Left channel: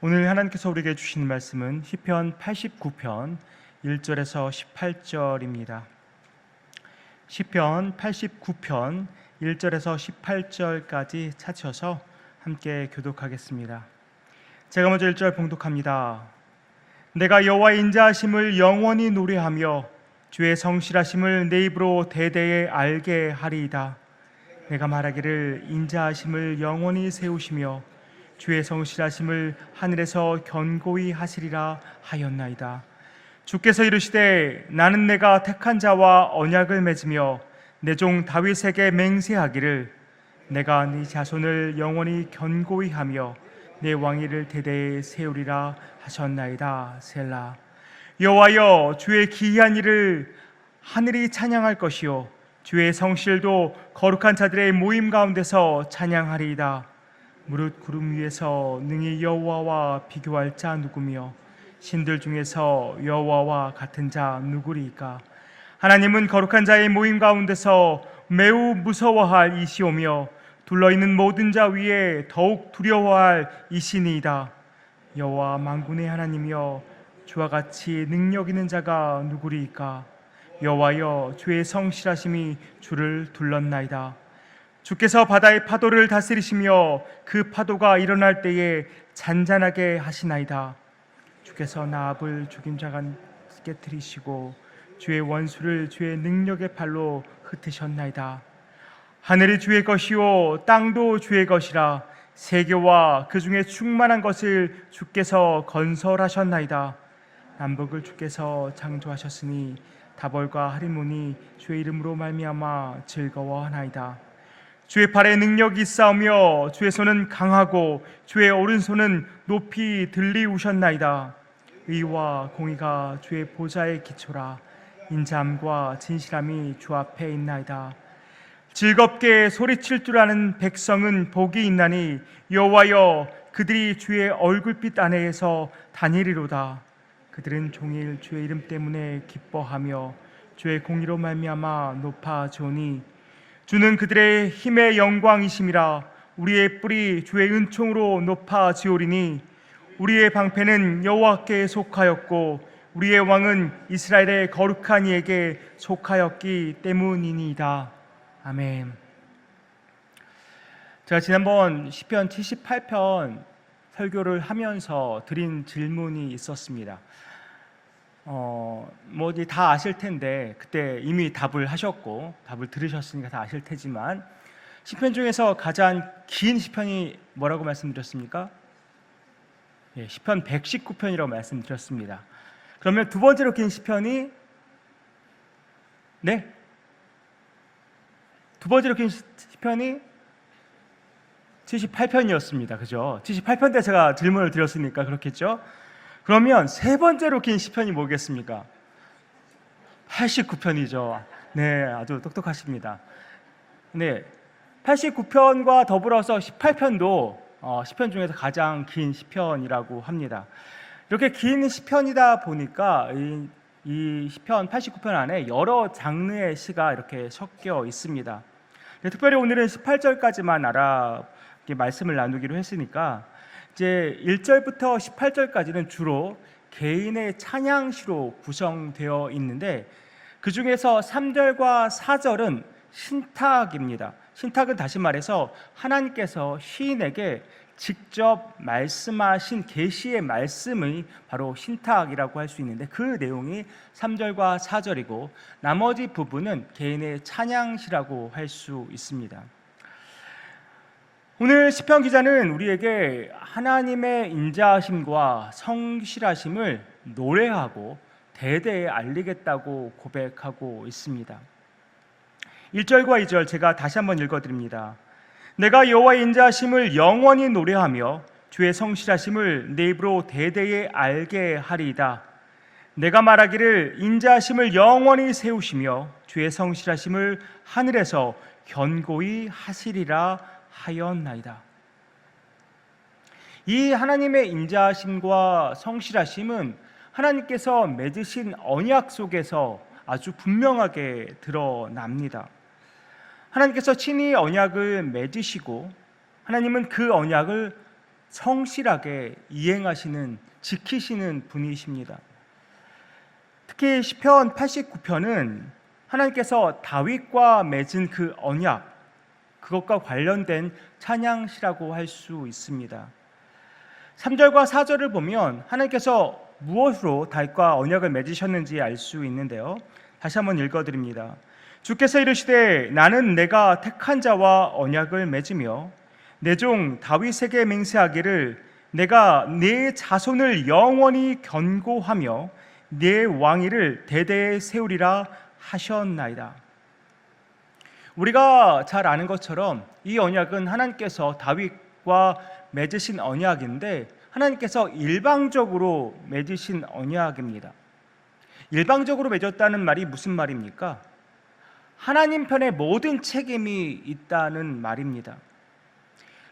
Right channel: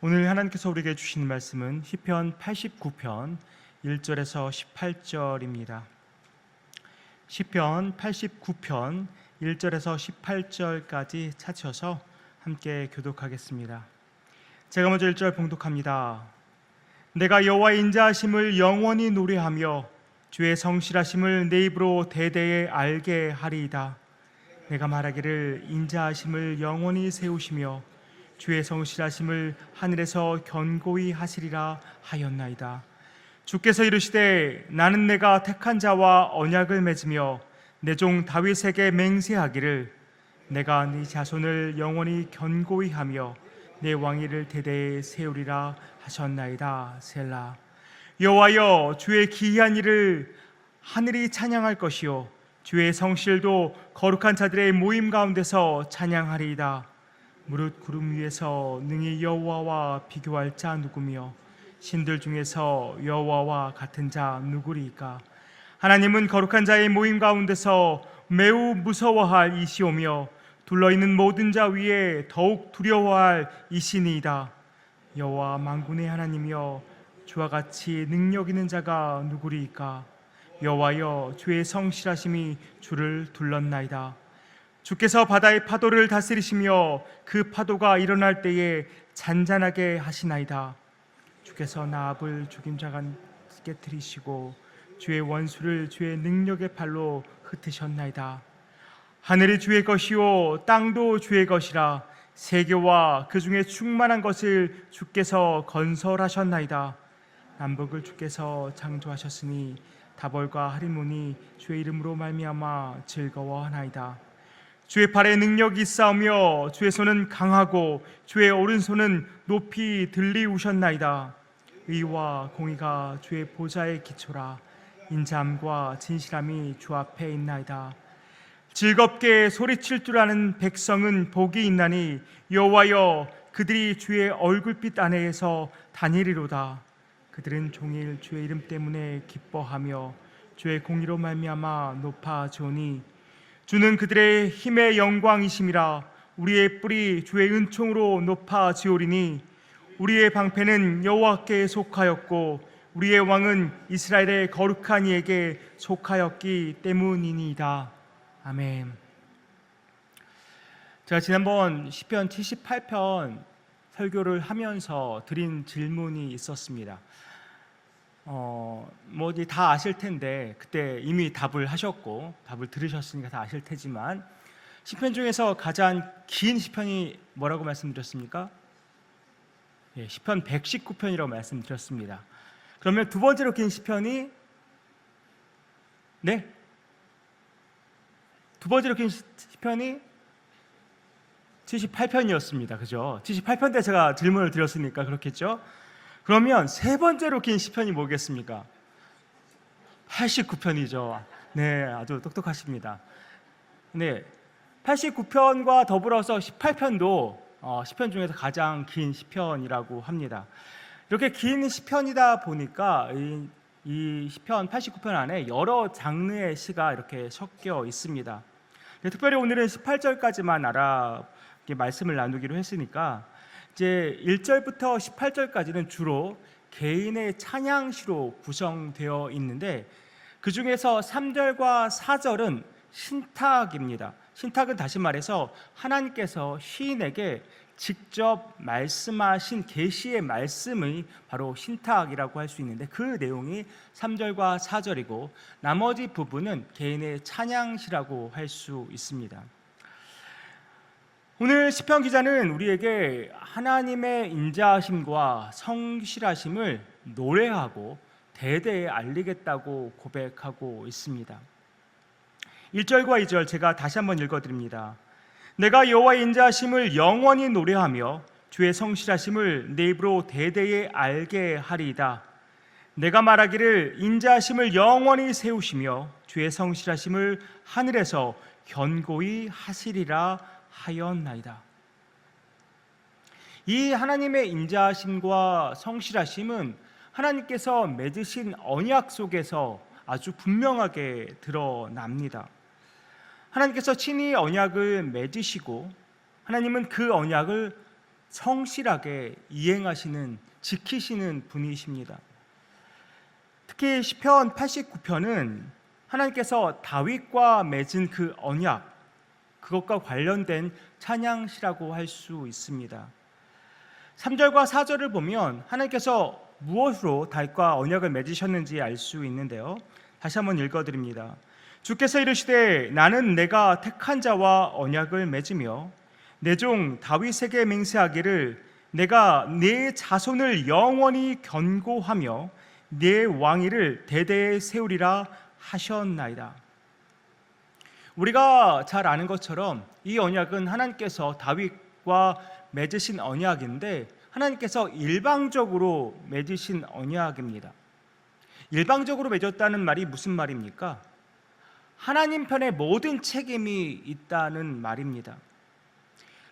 오늘 하나님께서 우리에게 주신 말씀은 시편 89편 1절에서 18절입니다. 시편 89편 1절에서 18절까지 찾으셔서 함께 교독하겠습니다. 제가 먼저 1절 봉독합니다. 내가 여호와의 인자하심을 영원히 노래하며 주의 성실하심을 내 입으로 대대에 알게 하리이다. 내가 말하기를 인자하심을 영원히 세우시며 주의 성실하심을 하늘에서 견고히 하시리라 하였나이다. 주께서 이르시되 나는 내가 택한 자와 언약을 맺으며 내 종 다윗에게 맹세하기를 내가 네 자손을 영원히 견고히 하며 내 왕위를 대대에 세우리라 하셨나이다. 셀라. 여호와여, 주의 기이한 일을 하늘이 찬양할 것이요 주의 성실도 거룩한 자들의 모임 가운데서 찬양하리이다. 무릇 구름 위에서 능히 여호와와 비교할 자 누구며 신들 중에서 여호와와 같은 자 누구리이까? 하나님은 거룩한 자의 모임 가운데서 매우 무서워할 이시오며 둘러있는 모든 자 위에 더욱 두려워할 이시니이다. 여호와 만군의 하나님이여, 주와 같이 능력 있는 자가 누구리이까? 여호와여, 주의 성실하심이 주를 둘렀나이다. 주께서 바다의 파도를 다스리시며 그 파도가 일어날 때에 잔잔하게 하시나이다. 주께서 나합을 죽인 자가 깨뜨리시고 주의 원수를 주의 능력의 팔로 흩으셨나이다. 하늘이 주의 것이요 땅도 주의 것이라. 세계와 그 중에 충만한 것을 주께서 건설하셨나이다. 남북을 주께서 창조하셨으니 다벌과 하리몬이 주의 이름으로 말미암아 즐거워하나이다. 주의 팔에 능력이 있사오며 주의 손은 강하고 주의 오른손은 높이 들리우셨나이다. 의와 공의가 주의 보좌의 기초라. 인자함과 진실함이 주 앞에 있나이다. 즐겁게 소리칠 줄 아는 백성은 복이 있나니 여호와여, 그들이 주의 얼굴빛 안에서 다니리로다. 그들은 종일 주의 이름 때문에 기뻐하며 주의 공의로 말미암아 높아지오니 주는 그들의 힘의 영광이심이라. 우리의 뿔이 주의 은총으로 높아지오리니 우리의 방패는 여호와께 속하였고 우리의 왕은 이스라엘의 거룩한 이에게 속하였기 때문이니이다. 아멘. 제가 지난번 시편 78편 설교를 하면서 드린 질문이 있었습니다. 다 아실 텐데 그때 이미 답을 하셨고 답을 들으셨으니까 다 아실 테지만 시편 중에서 가장 긴 시편이 뭐라고 말씀드렸습니까? 시편 119편이라고 말씀드렸습니다. 그러면 두 번째로 긴 시편이 두 번째로 긴 시편이 78편이었습니다. 그죠? 78편 때 제가 질문을 드렸으니까 그렇겠죠? 그러면 세 번째로 긴 시편이 뭐겠습니까? 89편이죠. 네, 아주 똑똑하십니다. 네, 89편과 더불어서 18편도 시편 중에서 가장 긴 시편이라고 합니다. 이렇게 긴 시편이다 보니까 이 시편 89편 안에 여러 장르의 시가 이렇게 섞여 있습니다. 특별히 오늘은 18절까지만 말씀을 나누기로 했으니까 이제 1절부터 18절까지는 주로 개인의 찬양시로 구성되어 있는데 그 중에서 3절과 4절은 신탁입니다. 신탁은 다시 말해서 하나님께서 시인에게 직접 말씀하신 계시의 말씀을 바로 신탁이라고 할 수 있는데 그 내용이 3절과 4절이고 나머지 부분은 개인의 찬양시라고 할 수 있습니다. 오늘 시편 기자는 우리에게 하나님의 인자하심과 성실하심을 노래하고 대대에 알리겠다고 고백하고 있습니다. 1절과 2절 제가 다시 한번 읽어드립니다. 내가 여호와의 인자하심을 영원히 노래하며 주의 성실하심을 내 입으로 대대에 알게 하리이다. 내가 말하기를 인자하심을 영원히 세우시며 주의 성실하심을 하늘에서 견고히 하시리라 하였나이다. 이 하나님의 인자하심과 성실하심은 하나님께서 맺으신 언약 속에서 아주 분명하게 드러납니다. 하나님께서 친히 언약을 맺으시고 하나님은 그 언약을 성실하게 이행하시는, 지키시는 분이십니다. 특히 시편 89편은 하나님께서 다윗과 맺은 그 언약, 그것과 관련된 찬양시라고 할 수 있습니다. 3절과 4절을 보면 하나님께서 무엇으로 다윗과 언약을 맺으셨는지 알 수 있는데요. 다시 한번 읽어드립니다. 주께서 이르시되 나는 내가 택한 자와 언약을 맺으며 내 종 다윗에게 맹세하기를 내가 네 자손을 영원히 견고하며 네 왕위를 대대에 세우리라 하셨나이다. 우리가 잘 아는 것처럼 이 언약은 하나님께서 다윗과 맺으신 언약인데 하나님께서 일방적으로 맺으신 언약입니다. 일방적으로 맺었다는 말이 무슨 말입니까? 하나님 편에 모든 책임이 있다는 말입니다.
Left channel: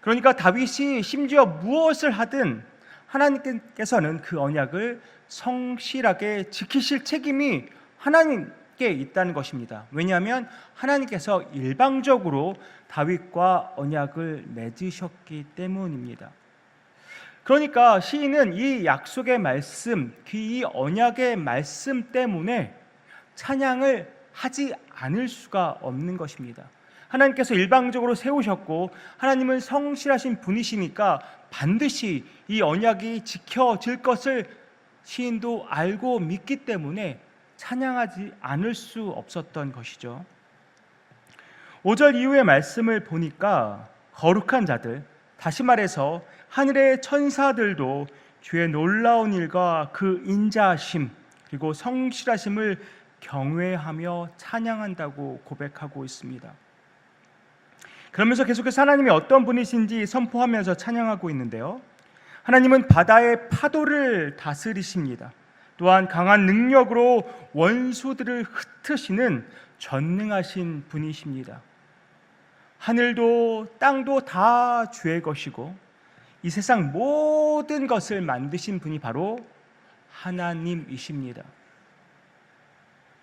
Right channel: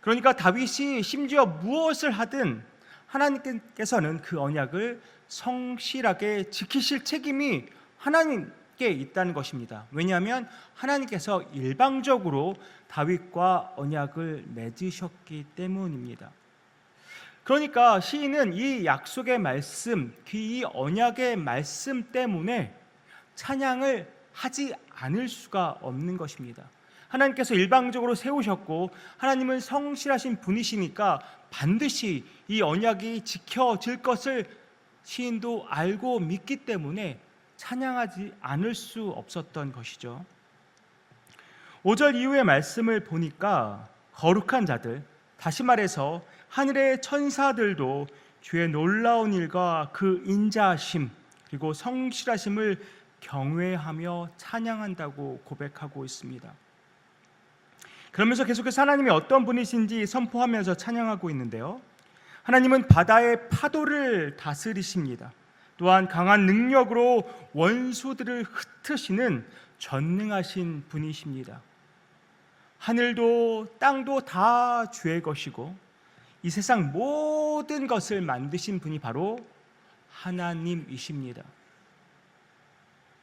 그러니까 다윗이 심지어 무엇을 하든 하나님께서는 그 언약을 성실하게 지키실 책임이 하나님께 있다는 것입니다. 왜냐하면 하나님께서 일방적으로 다윗과 언약을 맺으셨기 때문입니다. 그러니까 시인은 이 약속의 말씀, 이 언약의 말씀 때문에 찬양을 하지 않을 수가 없는 것입니다. 하나님께서 일방적으로 세우셨고 하나님은 성실하신 분이시니까 반드시 이 언약이 지켜질 것을 시인도 알고 믿기 때문에 찬양하지 않을 수 없었던 것이죠. 5절 이후의 말씀을 보니까 거룩한 자들, 다시 말해서 하늘의 천사들도 주의 놀라운 일과 그 인자하심 그리고 성실하심을 경외하며 찬양한다고 고백하고 있습니다. 그러면서 계속해서 하나님이 어떤 분이신지 선포하면서 찬양하고 있는데요. 하나님은 바다의 파도를 다스리십니다. 또한 강한 능력으로 원수들을 흩으시는 전능하신 분이십니다. 하늘도 땅도 다 주의 것이고 이 세상 모든 것을 만드신 분이 바로 하나님이십니다.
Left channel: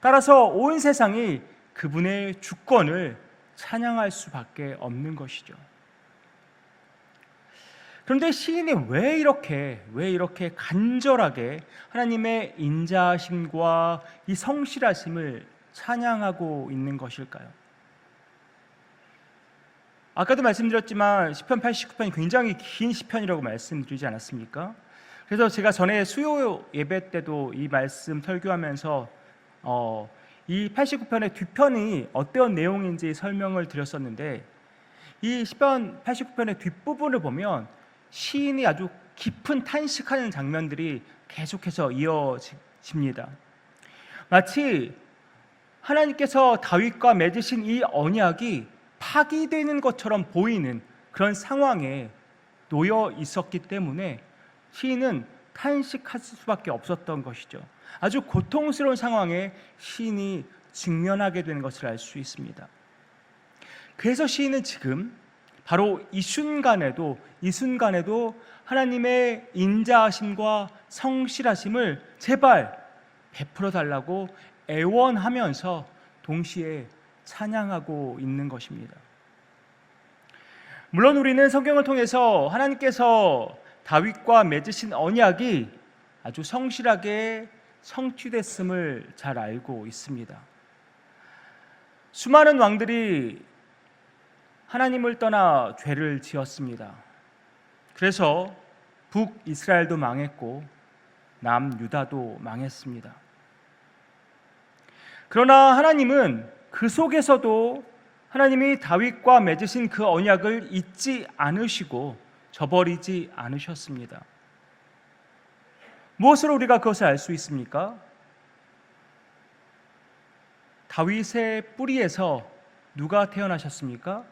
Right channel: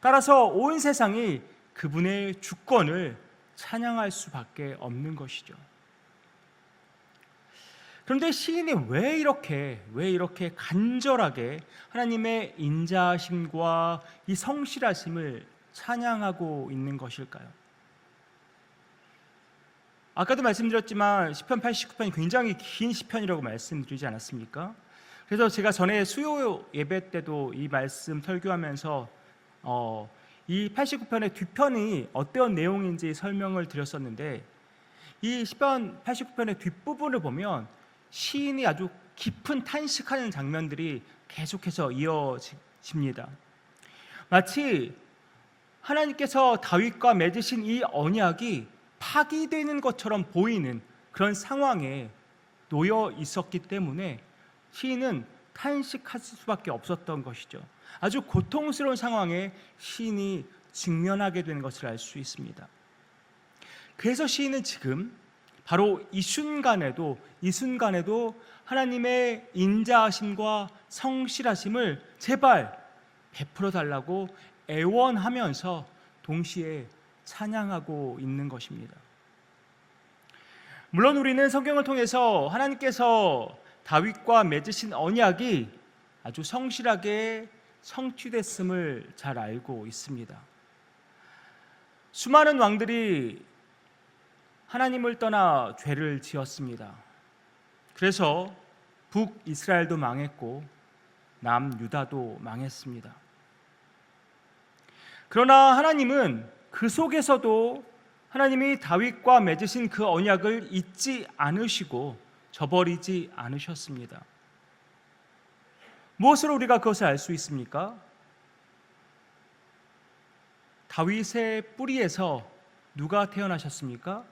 따라서 온 세상이 그분의 주권을 찬양할 수밖에 없는 것이죠. 그런데 시인이 왜 이렇게 간절하게 하나님의 인자하심과 이 성실하심을 찬양하고 있는 것일까요? 아까도 말씀드렸지만 시편 89편이 굉장히 긴 시편이라고 말씀드리지 않았습니까? 그래서 제가 전에 수요 예배 때도 이 말씀 설교하면서 이 89편의 뒷편이 어떤 내용인지 설명을 드렸었는데 이 시편 89편의 뒷부분을 보면 시인이 아주 깊은 탄식하는 장면들이 계속해서 이어집니다. 마치 하나님께서 다윗과 맺으신 이 언약이 파기되는 것처럼 보이는 그런 상황에 놓여 있었기 때문에 시인은 탄식할 수밖에 없었던 것이죠. 아주 고통스러운 상황에 시인이 직면하게 되는 것을 알 수 있습니다. 그래서 시인은 지금 바로 이 순간에도 하나님의 인자하심과 성실하심을 제발 베풀어 달라고 애원하면서 동시에 찬양하고 있는 것입니다. 물론 우리는 성경을 통해서 하나님께서 다윗과 맺으신 언약이 아주 성실하게 성취됐음을 잘 알고 있습니다. 수많은 왕들이 하나님을 떠나 죄를 지었습니다. 그래서 북이스라엘도 망했고 남유다도 망했습니다. 그러나 하나님은 그 속에서도 하나님이 다윗과 맺으신 그 언약을 잊지 않으시고 저버리지 않으셨습니다. 무엇으로 우리가 그것을 알 수 있습니까? 다윗의 뿌리에서 누가 태어나셨습니까?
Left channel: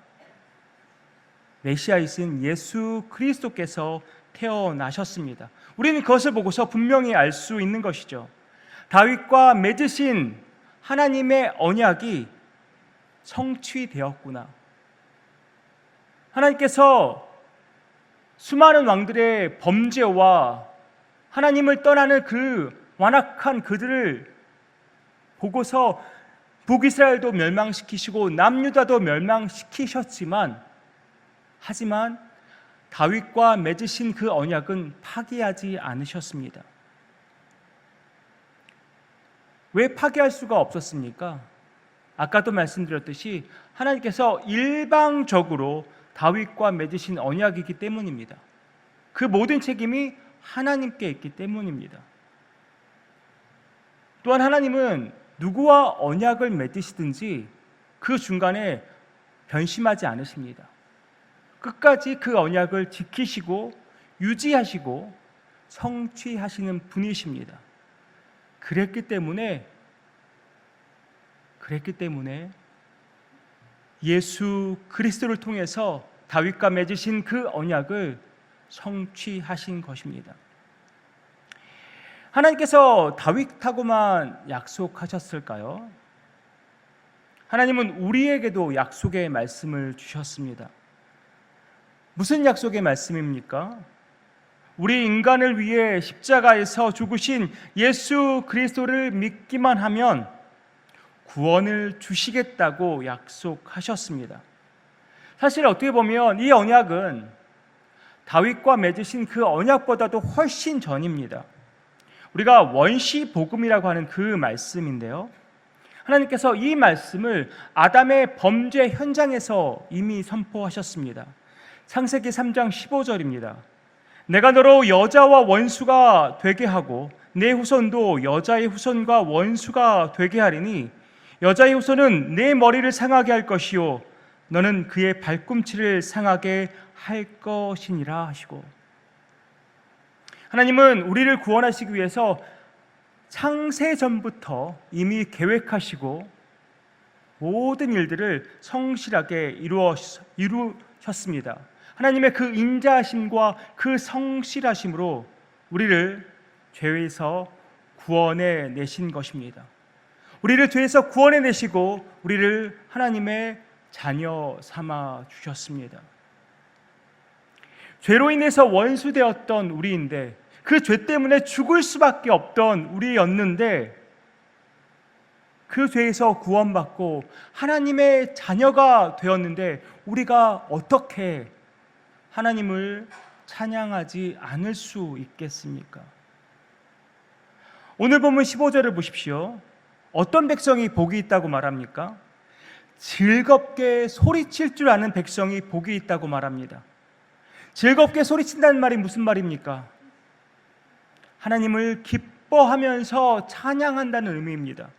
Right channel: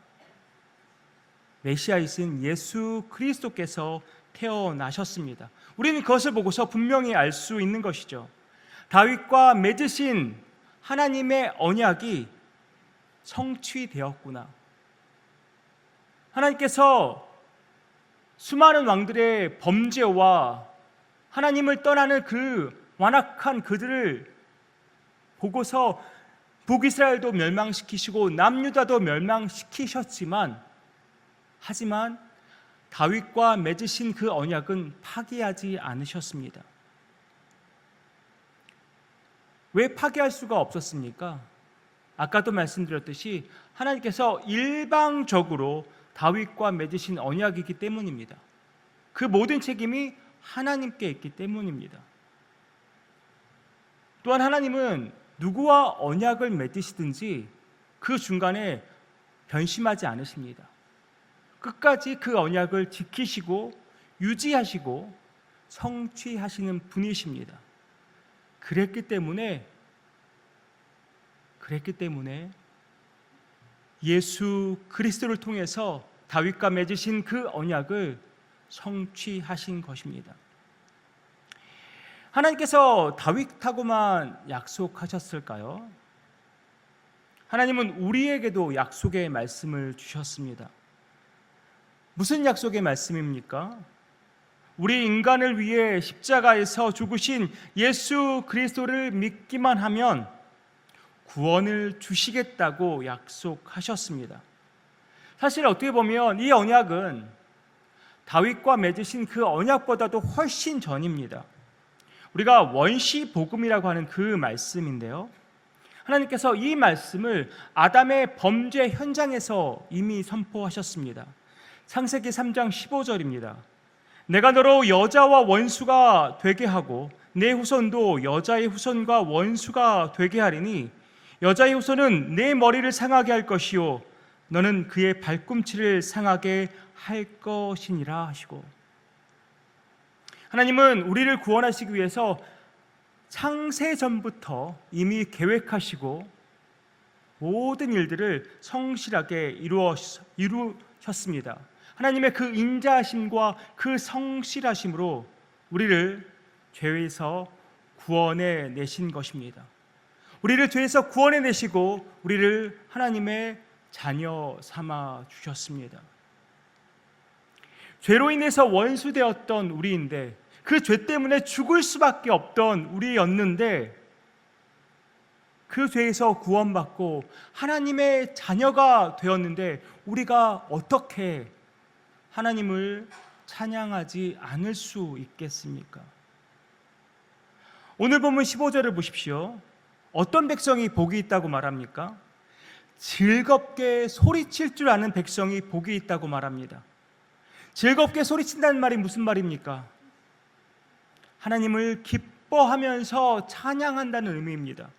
메시아이신 예수 그리스도께서 태어나셨습니다. 우리는 그것을 보고서 분명히 알 수 있는 것이죠. 다윗과 맺으신 하나님의 언약이 성취되었구나. 하나님께서 수많은 왕들의 범죄와 하나님을 떠나는 그 완악한 그들을 보고서 북이스라엘도 멸망시키시고 남유다도 멸망시키셨지만 하지만 다윗과 맺으신 그 언약은 파기하지 않으셨습니다. 왜 파기할 수가 없었습니까? 아까도 말씀드렸듯이 하나님께서 일방적으로 다윗과 맺으신 언약이기 때문입니다. 그 모든 책임이 하나님께 있기 때문입니다. 또한 하나님은 누구와 언약을 맺으시든지 그 중간에 변심하지 않으십니다. 끝까지 그 언약을 지키시고 유지하시고 성취하시는 분이십니다. 그랬기 때문에 예수 그리스도를 통해서 다윗과 맺으신 그 언약을 성취하신 것입니다. 하나님께서 다윗하고만 약속하셨을까요? 하나님은 우리에게도 약속의 말씀을 주셨습니다. 무슨 약속의 말씀입니까? 우리 인간을 위해 십자가에서 죽으신 예수 그리스도를 믿기만 하면 구원을 주시겠다고 약속하셨습니다. 사실 어떻게 보면 이 언약은 다윗과 맺으신 그 언약보다도 훨씬 전입니다. 우리가 원시 복음이라고 하는 그 말씀인데요, 하나님께서 이 말씀을 아담의 범죄 현장에서 이미 선포하셨습니다. 창세기 3장 15절입니다. 내가 너로 여자와 원수가 되게 하고 내 후손도 여자의 후손과 원수가 되게 하리니 여자의 후손은 내 머리를 상하게 할 것이요 너는 그의 발꿈치를 상하게 할 것이니라 하시고, 하나님은 우리를 구원하시기 위해서 창세전부터 이미 계획하시고 모든 일들을 성실하게 이루셨습니다. 하나님의 그 인자하심과 그 성실하심으로 우리를 죄에서 구원해 내신 것입니다. 우리를 죄에서 구원해 내시고 우리를 하나님의 자녀 삼아 주셨습니다. 죄로 인해서 원수되었던 우리인데, 그 죄 때문에 죽을 수밖에 없던 우리였는데, 그 죄에서 구원받고 하나님의 자녀가 되었는데 우리가 어떻게 하나님을 찬양하지 않을 수 있겠습니까? 오늘 본문 15절을 보십시오. 어떤 백성이 복이 있다고 말합니까? 즐겁게 소리칠 줄 아는 백성이 복이 있다고 말합니다. 즐겁게 소리친다는 말이 무슨 말입니까? 하나님을 기뻐하면서 찬양한다는 의미입니다.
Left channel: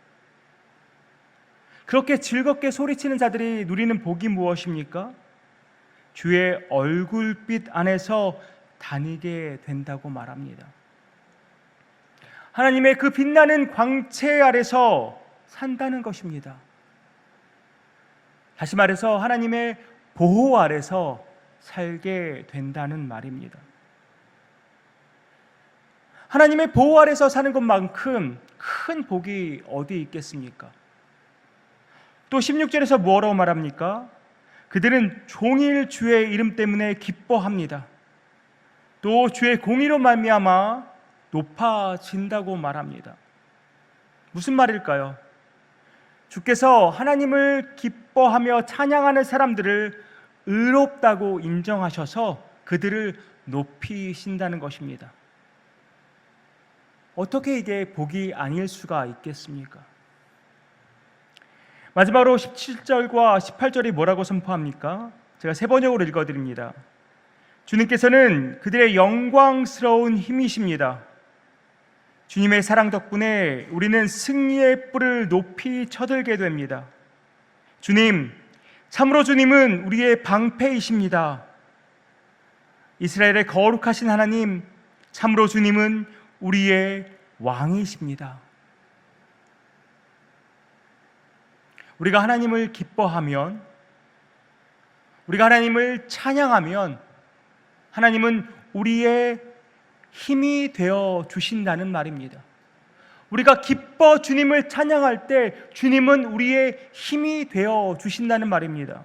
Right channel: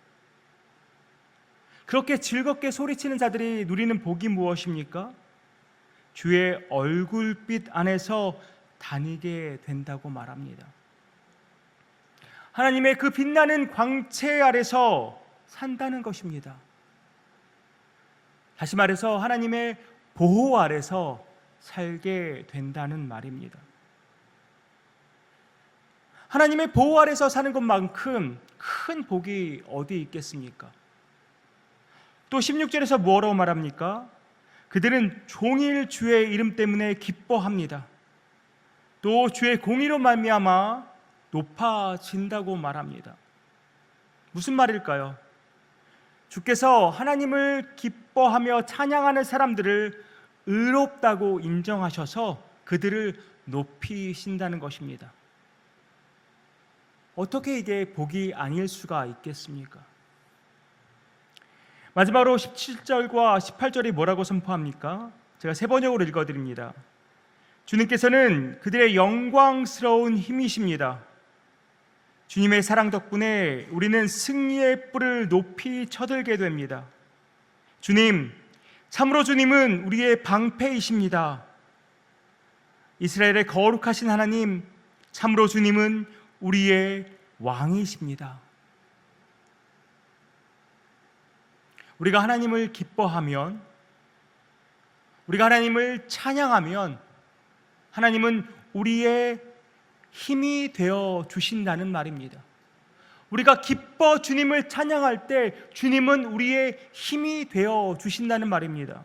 그렇게 즐겁게 소리치는 자들이 누리는 복이 무엇입니까? 주의 얼굴빛 안에서 다니게 된다고 말합니다. 하나님의 그 빛나는 광채 아래서 산다는 것입니다. 다시 말해서 하나님의 보호 아래서 살게 된다는 말입니다. 하나님의 보호 아래서 사는 것만큼 큰 복이 어디 있겠습니까? 또 16절에서 뭐라고 말합니까? 그들은 종일 주의 이름 때문에 기뻐합니다. 또 주의 공의로 말미암아 높아진다고 말합니다. 무슨 말일까요? 주께서 하나님을 기뻐하며 찬양하는 사람들을 의롭다고 인정하셔서 그들을 높이신다는 것입니다. 어떻게 이게 복이 아닐 수가 있겠습니까? 마지막으로 17절과 18절이 뭐라고 선포합니까? 제가 세 번역으로 읽어드립니다. 주님께서는 그들의 영광스러운 힘이십니다. 주님의 사랑 덕분에 우리는 승리의 뿔을 높이 쳐들게 됩니다. 주님, 참으로 주님은 우리의 방패이십니다. 이스라엘의 거룩하신 하나님, 참으로 주님은 우리의 왕이십니다. 우리가 하나님을 기뻐하면, 우리가 하나님을 찬양하면 하나님은 우리의 힘이 되어 주신다는 말입니다. 우리가 기뻐 주님을 찬양할 때 주님은 우리의 힘이 되어 주신다는 말입니다.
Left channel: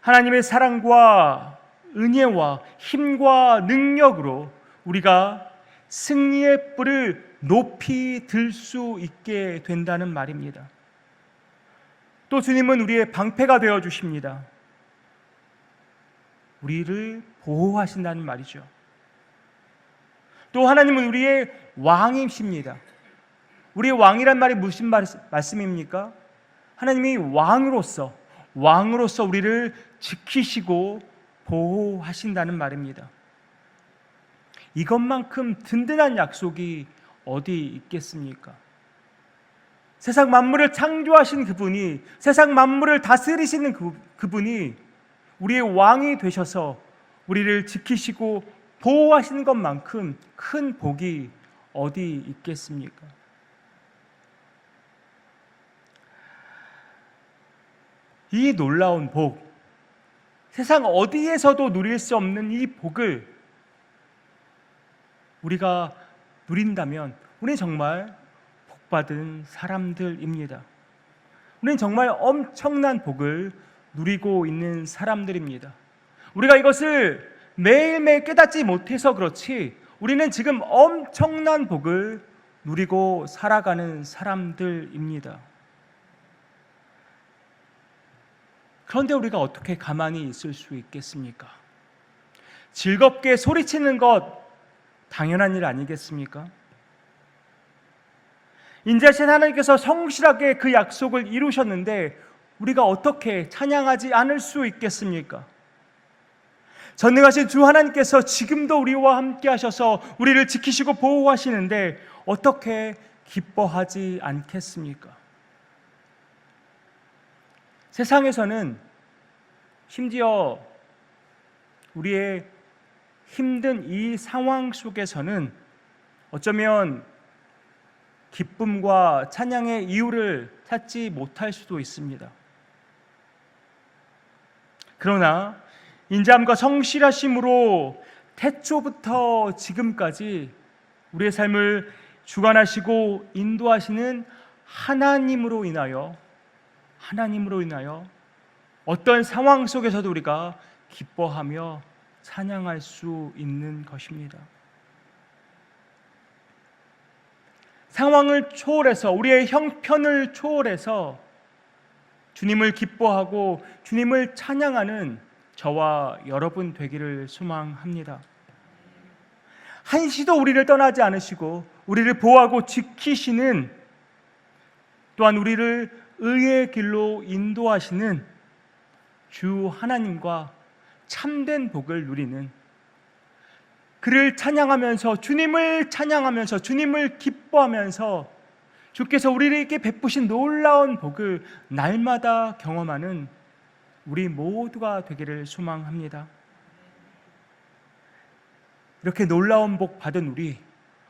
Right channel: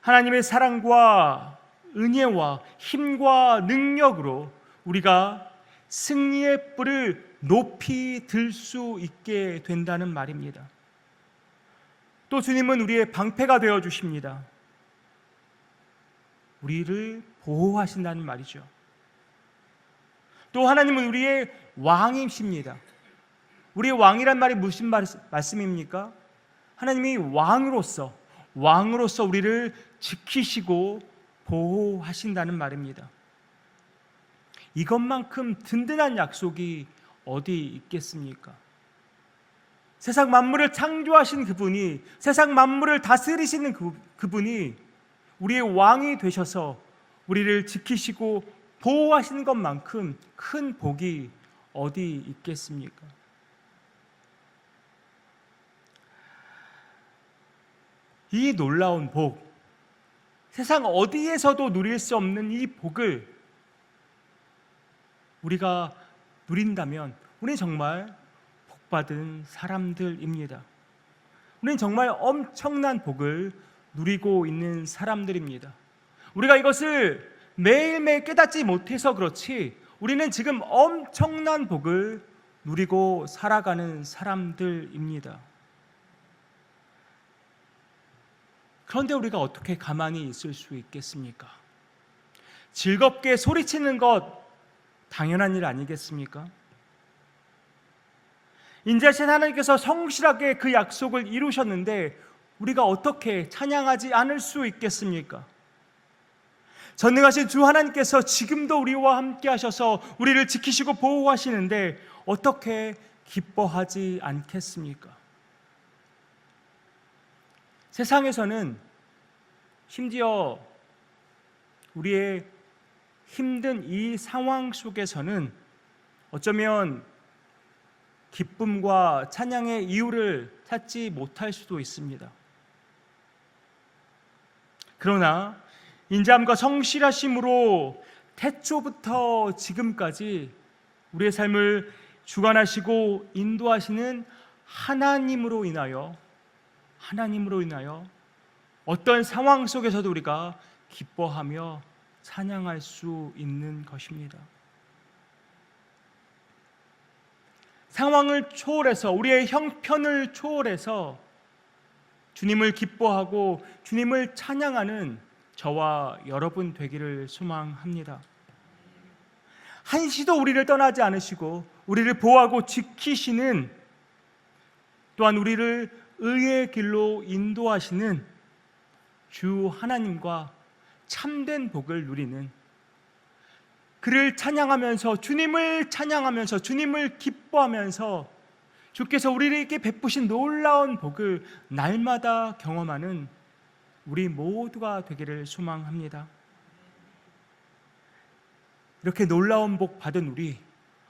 하나님의 사랑과 은혜와 힘과 능력으로 우리가 승리의 뿔을 높이 들 수 있게 된다는 말입니다. 또 주님은 우리의 방패가 되어 주십니다. 우리를 보호하신다는 말이죠. 또 하나님은 우리의 왕이십니다. 우리의 왕이란 말이 무슨 말씀입니까? 하나님이 왕으로서 우리를 지키시고 보호하신다는 말입니다. 이것만큼 든든한 약속이 어디 있겠습니까? 세상 만물을 창조하신 그분이, 세상 만물을 다스리시는 그분이 우리의 왕이 되셔서 우리를 지키시고 보호하시는 것만큼 큰 복이 어디 있겠습니까? 이 놀라운 복, 세상 어디에서도 누릴 수 없는 이 복을 우리가 누린다면 우리는 정말 복받은 사람들입니다. 우리는 정말 엄청난 복을 누리고 있는 사람들입니다. 우리가 이것을 매일매일 깨닫지 못해서 그렇지 우리는 지금 엄청난 복을 누리고 살아가는 사람들입니다. 그런데 우리가 어떻게 가만히 있을 수 있겠습니까? 즐겁게 소리치는 것 당연한 일 아니겠습니까? 인자하신 하나님께서 성실하게 그 약속을 이루셨는데 우리가 어떻게 찬양하지 않을 수 있겠습니까? 전능하신 주 하나님께서 지금도 우리와 함께 하셔서 우리를 지키시고 보호하시는데 어떻게 기뻐하지 않겠습니까? 세상에서는 심지어 우리의 힘든 이 상황 속에서는 어쩌면 기쁨과 찬양의 이유를 찾지 못할 수도 있습니다. 그러나 인자함과 성실하심으로 태초부터 지금까지 우리의 삶을 주관하시고 인도하시는 하나님으로 인하여 어떤 상황 속에서도 우리가 기뻐하며 찬양할 수 있는 것입니다. 상황을 초월해서 우리의 형편을 초월해서 주님을 기뻐하고 주님을 찬양하는 저와 여러분 되기를 소망합니다. 한시도 우리를 떠나지 않으시고 우리를 보호하고 지키시는, 또한 우리를 의의 길로 인도하시는 주 하나님과 참된 복을 누리는, 그를 찬양하면서 주님을 찬양하면서 주님을 기뻐하면서 주께서 우리에게 베푸신 놀라운 복을 날마다 경험하는 우리 모두가 되기를 소망합니다. 이렇게 놀라운 복 받은 우리,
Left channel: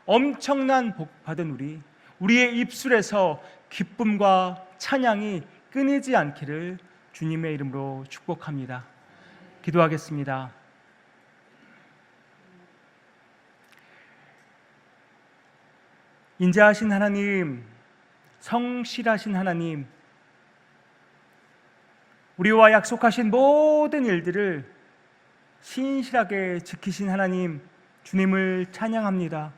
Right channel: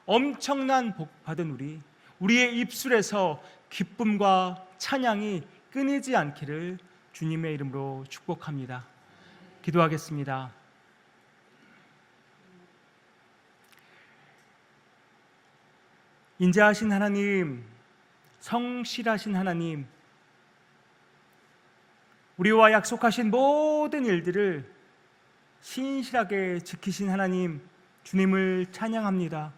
엄청난 복 받은 우리의 입술에서 기쁨과 찬양이 끊이지 않기를 주님의 이름으로 축복합니다. 기도하겠습니다. 인자하신 하나님, 성실하신 하나님, 우리와 약속하신 모든 일들을 신실하게 지키신 하나님, 주님을 찬양합니다.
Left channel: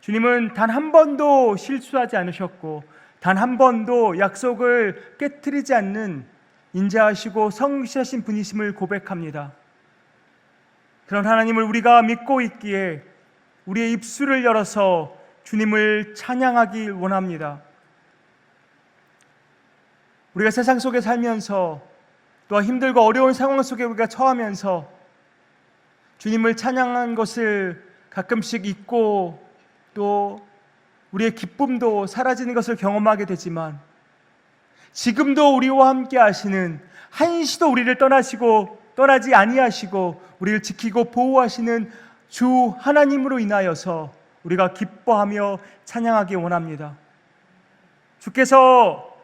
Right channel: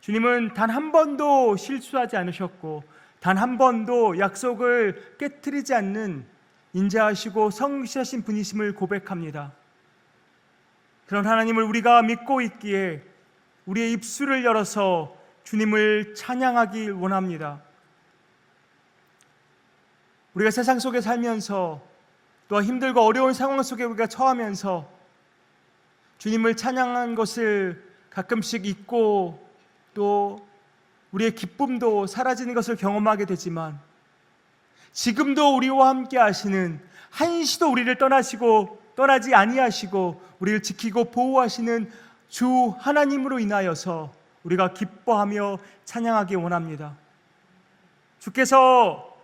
주님은 단 한 번도 실수하지 않으셨고 단 한 번도 약속을 깨트리지 않는 인자하시고 성실하신 분이심을 고백합니다. 그런 하나님을 우리가 믿고 있기에 우리의 입술을 열어서 주님을 찬양하기 원합니다. 우리가 세상 속에 살면서 또한 힘들고 어려운 상황 속에 우리가 처하면서 주님을 찬양한 것을 가끔씩 잊고 또 우리의 기쁨도 사라지는 것을 경험하게 되지만, 지금도 우리와 함께 하시는, 한시도 우리를 떠나지 아니하시고 우리를 지키고 보호하시는 주 하나님으로 인하여서 우리가 기뻐하며 찬양하기 원합니다. 주께서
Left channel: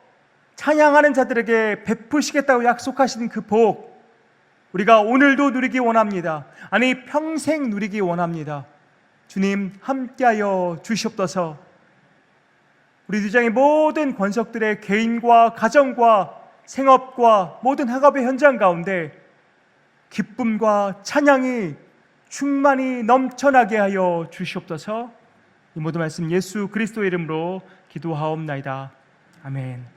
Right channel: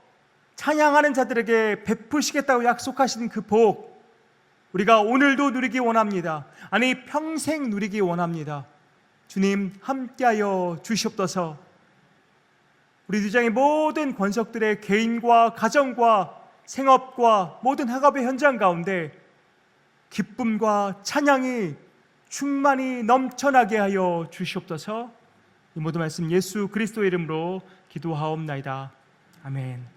찬양하는 자들에게 베푸시겠다고 약속하신 그 복, 우리가 오늘도 누리기 원합니다. 아니, 평생 누리기 원합니다. 주님 함께하여 주시옵소서. 우리 주장의 모든 권속들의 개인과 가정과 생업과 모든 학업의 현장 가운데 기쁨과 찬양이 충만히 넘쳐나게 하여 주시옵소서. 이 모든 말씀 예수 그리스도의 이름으로 기도하옵나이다. 아멘.